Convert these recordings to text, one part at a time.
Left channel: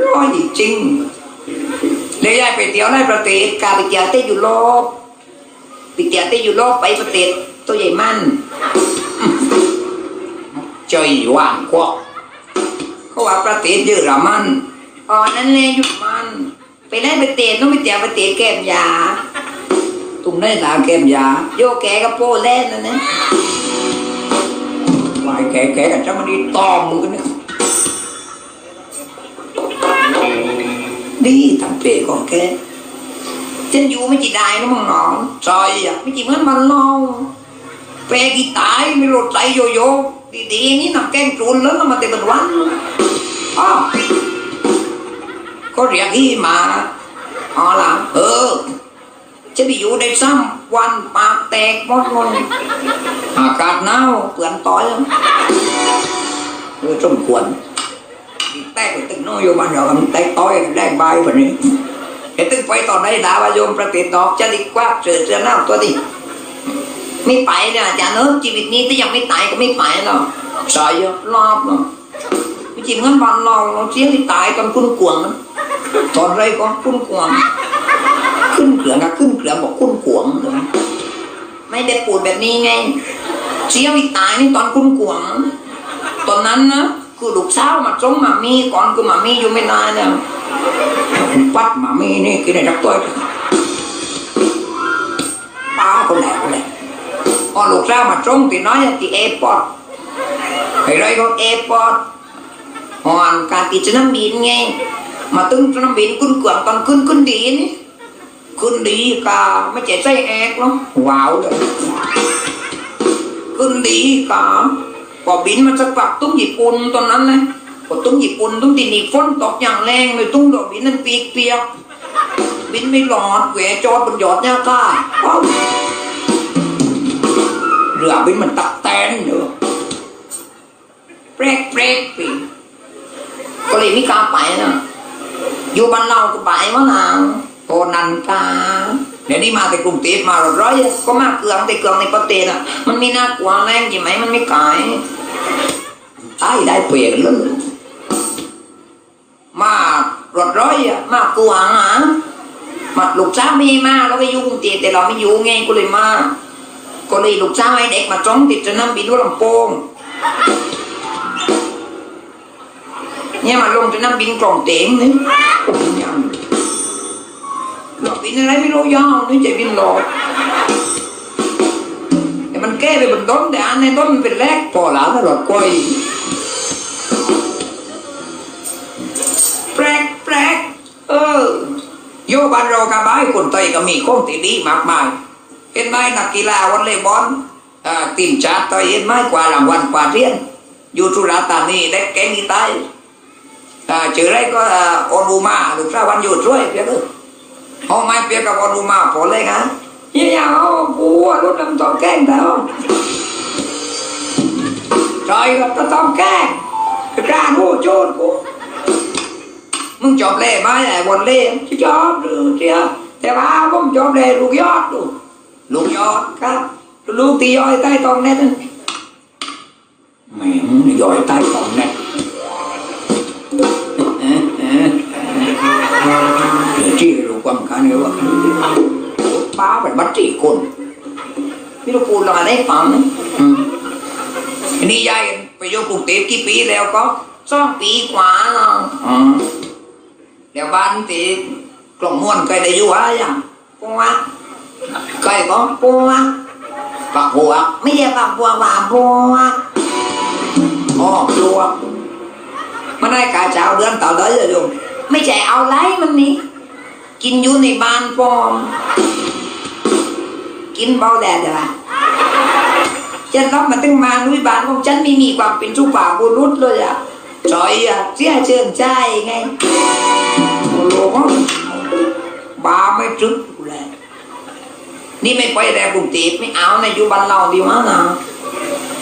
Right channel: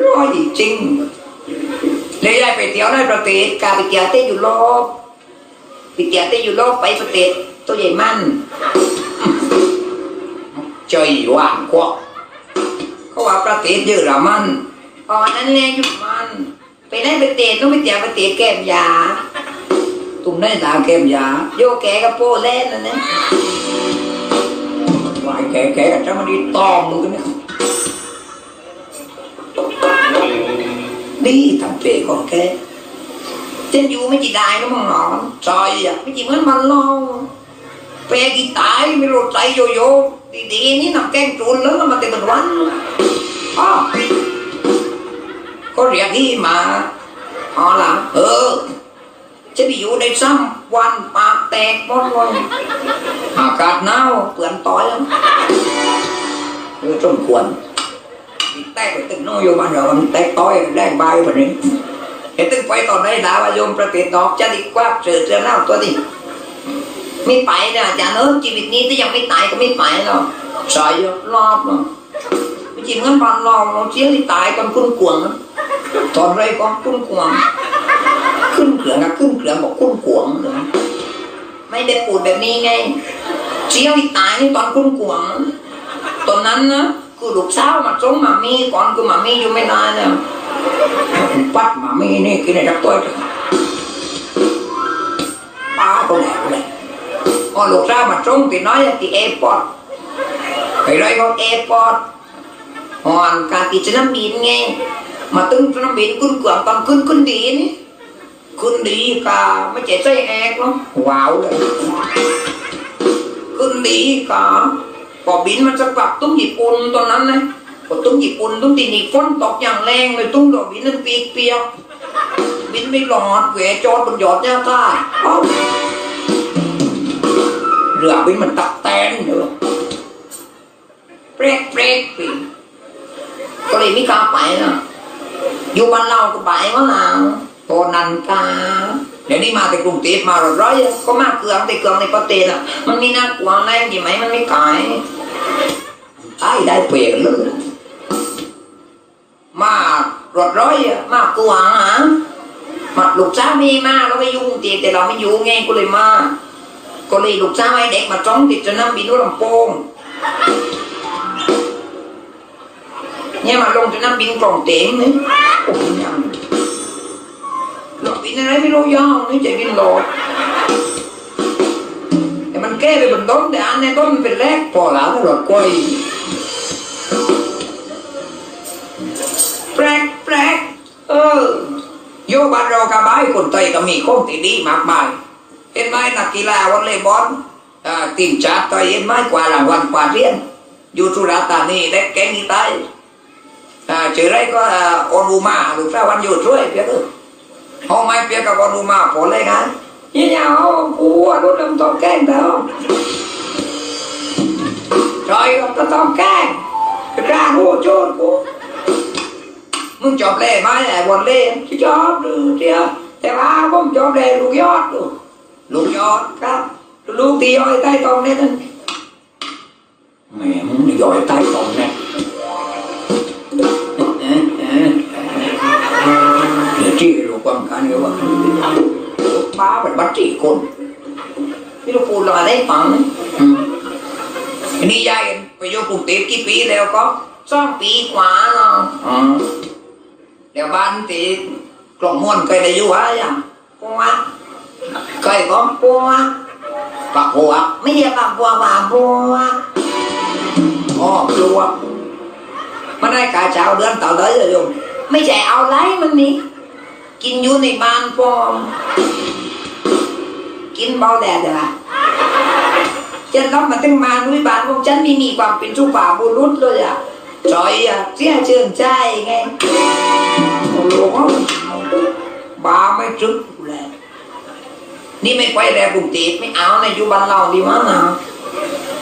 ร้อยจริงเลยยายไปเที่ยวในประเทศกาไปเที่ยวที่ยุโรปไปเที่ยวที่ยุโรปไปประเทศตัวใหญ่มันใจหวานกว่าเขาว่าประเทศเยอรมันอ๋อนั่นแหละยุมันไปได้ประเทศต้องไปเที่ยวประเทศแก้มยาตรงนั้นตามแก้มยาโยแกกับโปแลนนั่นนะวายแกแกกับเจ้ามันดีตอมมือกันเนี่ย ดีทำเพลก่อนแกจะอยู่ไม่จีได้นะมึงหนอใจอ่ไม่จีเหมือนมันเล่าเปรกีตายไม่รถใตโยโย่ดีๆนี่นำแกงจูนแล้วมันเต็มวันอ้ก็เรียกที่มาเอาละเออ จะไปอยู่ได้ซ้ำวันปากแตกหมดเลยอากาศหนาวเปื่อนต่อยเออจนควร โยมันเราแตกต้อยแดงใบแบบนี้เห็นตึกไปตอนไหนด่าว่าโยมประเทศนอกจะดีกว่าเสือเสือหน้าตัวนี้ไม่ไปนะอาจารย์เนอชีวิตนี้ถ้ายังไม่ตายก็ไม่ไปเนาะใส่รอบเนาะไม่จริงงั้นบันรอบเราเสียที่ตายตอนคุ้นกวงตอนไรก็คุ้นกวง ขึ้นเกลืองนะขึ้นเกลืองบอกคุ้นกวงไม่ได้ปูดแบบนี้ไงเสียที่ตายนี่ตอนคุ้นกวงตอนนั้นนะ คือลูกสาวมาส่งมามีก่อนคือมามีอยู่ไม่นานเนี่ยปัดมามีนี่กินได้ดับตัวป้าคนแหละคนแหละพอลูกสาวมาส่งที่น้อยที่เอร์พอร์ตไปไรก็เอร์พอร์ตหอนการติดสนามบินไงมาตึงสนามบินขึ้นเกลืองตอนขึ้นขึ้นดีนี่ขึ้นดีกาไม่เจ็บใจแอกเนาะว้าวเลยขึ้นดีกา พอบินมันจะกลับตุ้งญี่ปุ่นตอนนั้นเลยพอตุ้งญี่ปุ่นตุ้งตีนี่ฝนตกอย่างแรงเลยตุ้งดอกบินนั้นเปียกเปียกบินไม่หลอดแหวจอดบนยอดเนี่ยก้าเรือบินมันตักแตนเด้อเปรกเปรกปีก็เลยไม่กล้าไปนะอยู่บ้านเราก็ไปวะนะพอนันกา ดี๋ยวนี้มาแต่กรุงเทพมาร้อยก็มาเกลืองแต่เกลืองในประเทศอะมันไม่น่ากลัวแรงใช่ไหมมันไม่ขายตายได้เปลี่ยนเลยมารถร้อยอะมากลัวหามาลูกสาไม่มาเราไปยุ่กรุงเทพแต่เราไม่ยู่งไงก็เลยมาก็เลยลูกสาวให้เด็กมาจ้องติดสนามบินหัวลำโพงเนี่ยมาลงสนามบินกล่องเต็มเลยโอ้ยัง กินอะไรไม่รู้ย่องไม่ใช่บินโหลดแต่มันแก้ไปบนต้นแต่อันในต้นมันเป็นแรกพอหลานแล้วก็กล้วยแปลกแปลกเออโยบานเรากระบายคนไทยก็มีข้องที่ดีมากมายเป็นไม้นักกีฬาวอลเลย์บอลอ่าทีมชาติไทยเห็นไหมกว่ารางวัลกว่าเรียนอยู่สุราษฎร์ธานีได้แกงอีไตอ่าชื่อไรก็อ่าโอนูมาหรือสาวันอยู่ช่วยเพียงเออ ห้องไม้เปียกกับโอนูมาพอเลยนะยี่ยาวกูว่ารถน้ำต้องแกล้งเธอใช่ก็ต้องแกล้งกล้างูโจรกูมึงจอบเล่ไหมไอ้บอลเล่ที่จอบดูเดียวแต่ว่าผมจอบเล่ลูกยอดดูลูกยอดครับลูกตีย้อยใต้ตองเน็ตแหมมึงย้อยใต้ตองเน็ต ความกันเยอะว่าป้าเป็นบัตรสี่คนพี่ตะปูรอได้ฟังอืมอันนี่ยายไปอยู่กรุงเทพกี่ปีแล้วก็สองปีกว่าเนาะอืมเดี๋ยวบ้านที่กล่องม่วนเคยได้อยู่หรือยังปัวเคยก็ปัวปักหัวไม่ใช่ปักหัวว่าปัวอ๋อปัวมันได้กาเจ้าเดือนต่อเลยเลยโยมไม่ใช่เอาไรมันนี่ กินอยู่ในบ้านปอม กินเบาแดดอะฉันรับมาตั้งมานุยบ้านของฉันไม่มีความเป็นสุภาบุรุษเลยอะจอยอะเสียเชื่อใจไงโอ้โหบาไม่จึกเลยนี่ไม่ไปแล้วกรุงเทพไม่เอาในอยู่บ้านเราดีมั้งนะ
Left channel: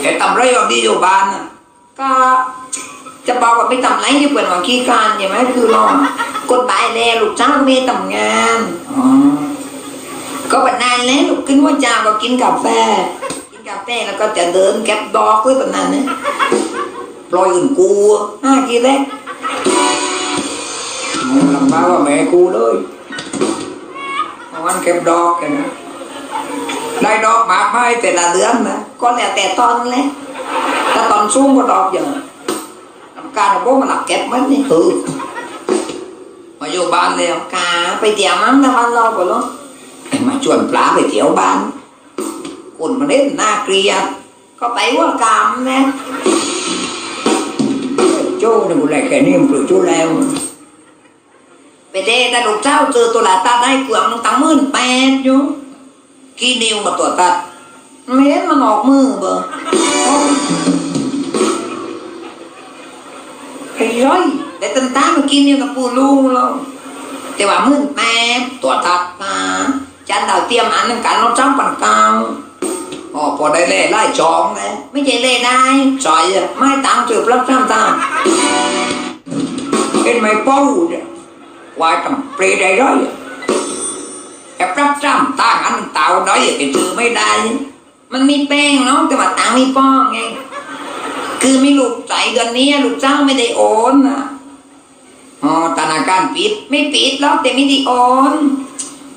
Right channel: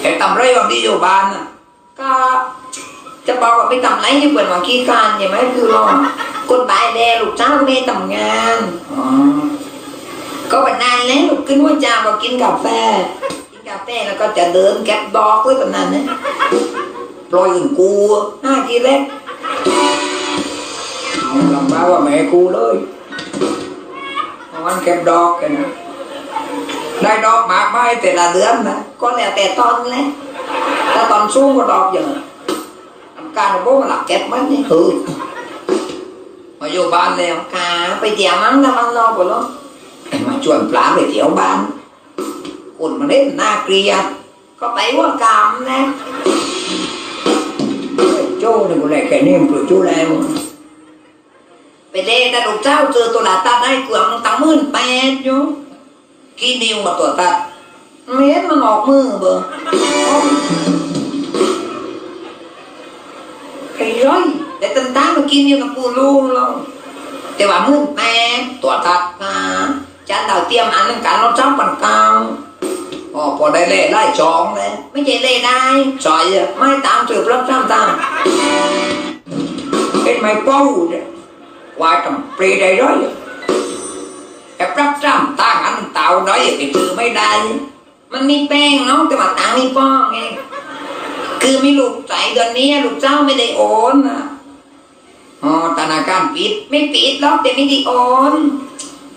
แต่ทำไรก็ดีอยู่บ้านน่ะก็จะบอกว่าไม่ทำไรที่เปิดหวังขี้การใช่ไหมคือเรา กฎหมายแล้วลูกจ้างไม่ทำงานอ๋อก็วันนั้นแล้วกินหัวจางก็กินกาแฟกินกาแฟแล้วก็จะเดินแก็บบอกไว้แบบนั้นนะปล่อยอื่นกูห้าทีแรกลำบากว่าแม่กูเลยมันเก็บดอกกันนะได้ดอกมากไหมแต่ละเดือนนะก็แล้วแต่ตอนแหละถ้าตอนสูงก็ดอกเยอะการของพวกมันหลักเก็บมันนี่คือ มาอยู่บ้านแล้วกาไปเที่ยวมั้งนะบ้านราก็แล้วมาชวนปลาไปเที่ยวบ้านคนมาเล่นน่าเกลียดก็ไปว่ากามนะโจ้เนี่ยบุไรแค่นี้มันปลุกโจ้แล้วไปเด้แต่ลูกเจ้าเจอตัวหลาตัดได้เกือบตั้งหมื่นแปดอยู่กี่นิ้วกับตัวตัดไม่เห็นมันออกมือเบอร์ นตามันกินอยู่กับปูลูแล้วแต่ว่ามื่นแปดตัวตัดมาจันดาวเตรียมอันนึงกันเราจ้ำปันกลางอ๋อพอได้เล่ไล่จองเลยไม่ใช่เล่ได้ซอยไม่ตามจืบรับจ้ำตามเป็นไม่เป้าเนี่ย qua trong pre đây đó cái rất trăm ta anh tạo đó giờ thì từ mấy đai มันมีแป้งเนาะแต่ว่าตังค์ไม่ป้องไงคือมีลูกใจเดือนนี้ลูกเจ้าไม่ได้โอนนะ อ๋อธนาคารปิด ไม่ปิดแล้วแต่ไม่ได้โอน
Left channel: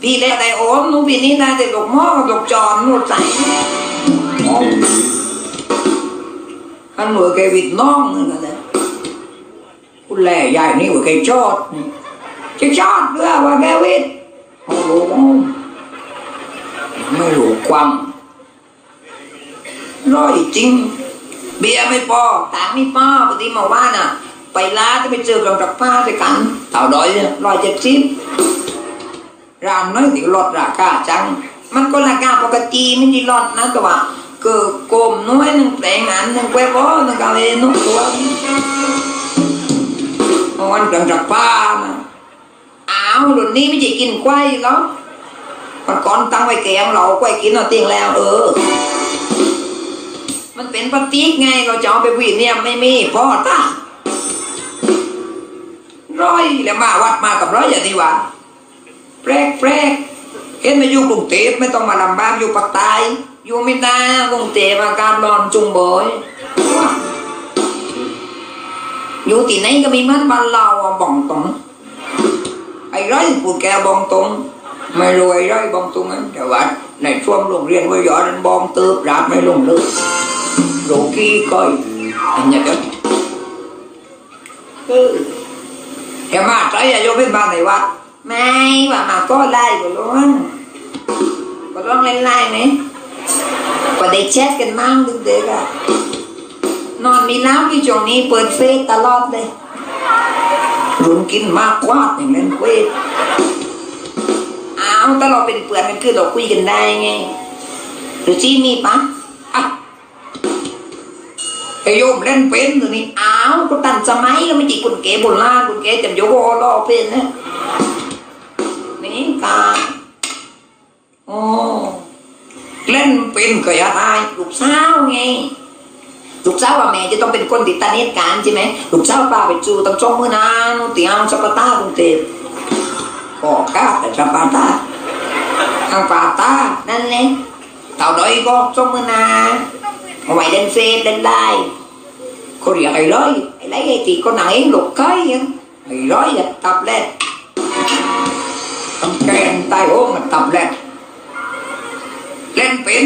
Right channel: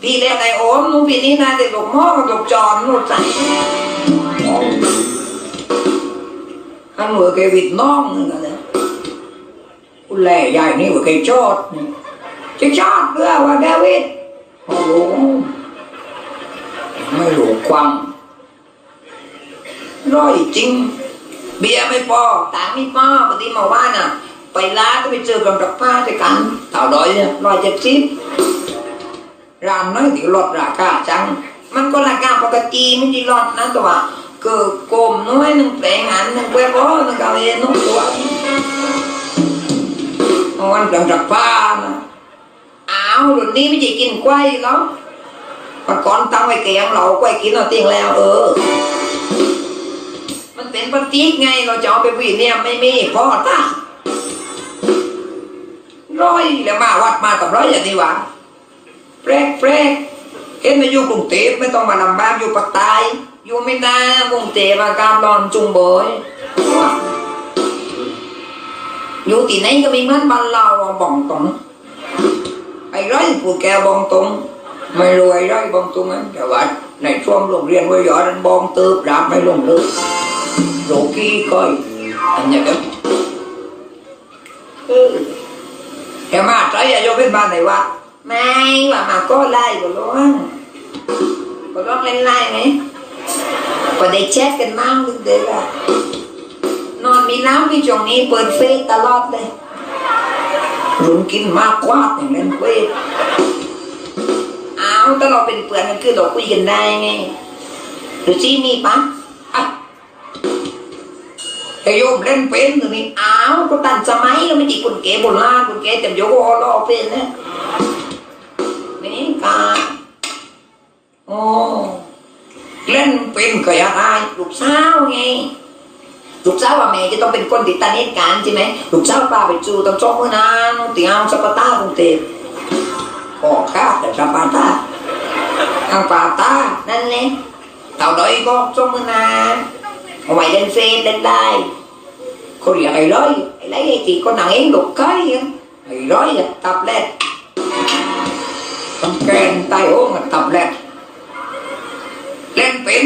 พี่แล้วได้โอนนู้นพี่นี้ได้แต่ลูกหม้อกับลูกจอนลูกใจอันหน่วยแกวิดน้องนี่นะเนี่ยคุณแล่ยายนี่ว่าแกชอดจะชอบเรื่อว่าแกวิทย์โอ้โหไม่รู้ความร้อยจริง เบียร์ไม่พอตางไม่พอปกติมาบ้านอะ ไปร้านก็ไปเจอกันกับป้าด้วยกันเท่าร้อยเนี่ยร้อยเจ็ดสิบร้านน้อยที่ลดราคาจัง มันก็ราคาปกติไม่ได้ลดนะแต่ว่าคือโกมน้อยหนึ่งแปลงนั้นหนึ่งแปลงร้อยหนึ่งกาเวนุ่งตัวมันจังจากป้านะอ้าวรุ่นนี้ไม่ใช่กินกล้วยหรอกตะก่อนตั้งไว้แกงเรากล้วยกินเราทิ้งแล้ว เออ มันเป็นปฏิกไงเราจะเอาไปวิ่งเนี่ยไม่มีพ่อตา ร้อยแล้วมาวัดมากับร้อยอย่างนี้วะแปลกแปลกเห็นมาอยู่กรุงเทพไม่ต้องมาลำบากอยู่ปากใต้อยู่ไม่นากรุงเทพอาการ้อนจุงเบยอยู่ที่ไหนก็มีมันบ้านเราบ่องตรงไอ้ร้อยพูดแกบองตรงไม่รวยร้อยบองตรงนั้นแต่ว่าในช่วงโรงเรียนวิทยานั้นบองเติบราบไม่ลงเลยโลกี้ก้อยอันนี้ก็เออ แค่มาใจอะโยมเป็นบ้านไหนวะไม่ว่ามาก็ไล่ก็ร้องก็ร้องเล่นไล่ไหมก็ได้แชทกันมั่งเด็กอะนอนมีน้ำที่ช่วงนี้เปิดเฟซตลอดเลยรุนกินมากกว่าอย่างนั้นเว้ยอ้าวถ้าเราเป็นเพื่อนกันคือเราคุยกันได้ไงหรือที่มีปะอะไอโยมเล่นเป็นหรือนี่อ้า วก็ตันสมัยก็ไม่จีคุณเก๋บุญล่าคุณเก๋แต่โยกอลอเป็นนะนี่กาโอ้เล่นเป็นก็อยากได้ลูกสาวไงลูกสาวว่าแม่จะต้องเป็นคนติดตาเนตการใช่ไหมลูกสาวป้าไปจูต้องจ้องมือนานเตียงสปาตากรุงเทพขอข้าแต่สปาตาทางปาตานั่นแหละเต่าดอยก็จ้องมือนานเอาไว้เล่นเฟซเล่นได้ เขาเรียกไอ้ร้อยไอ้ไรไอ้ตีก็หนังเองลูกก้อยไอ้ร้อยอะตับแรกตำแกงใต้โอ่งตับแรกเล่นเป็น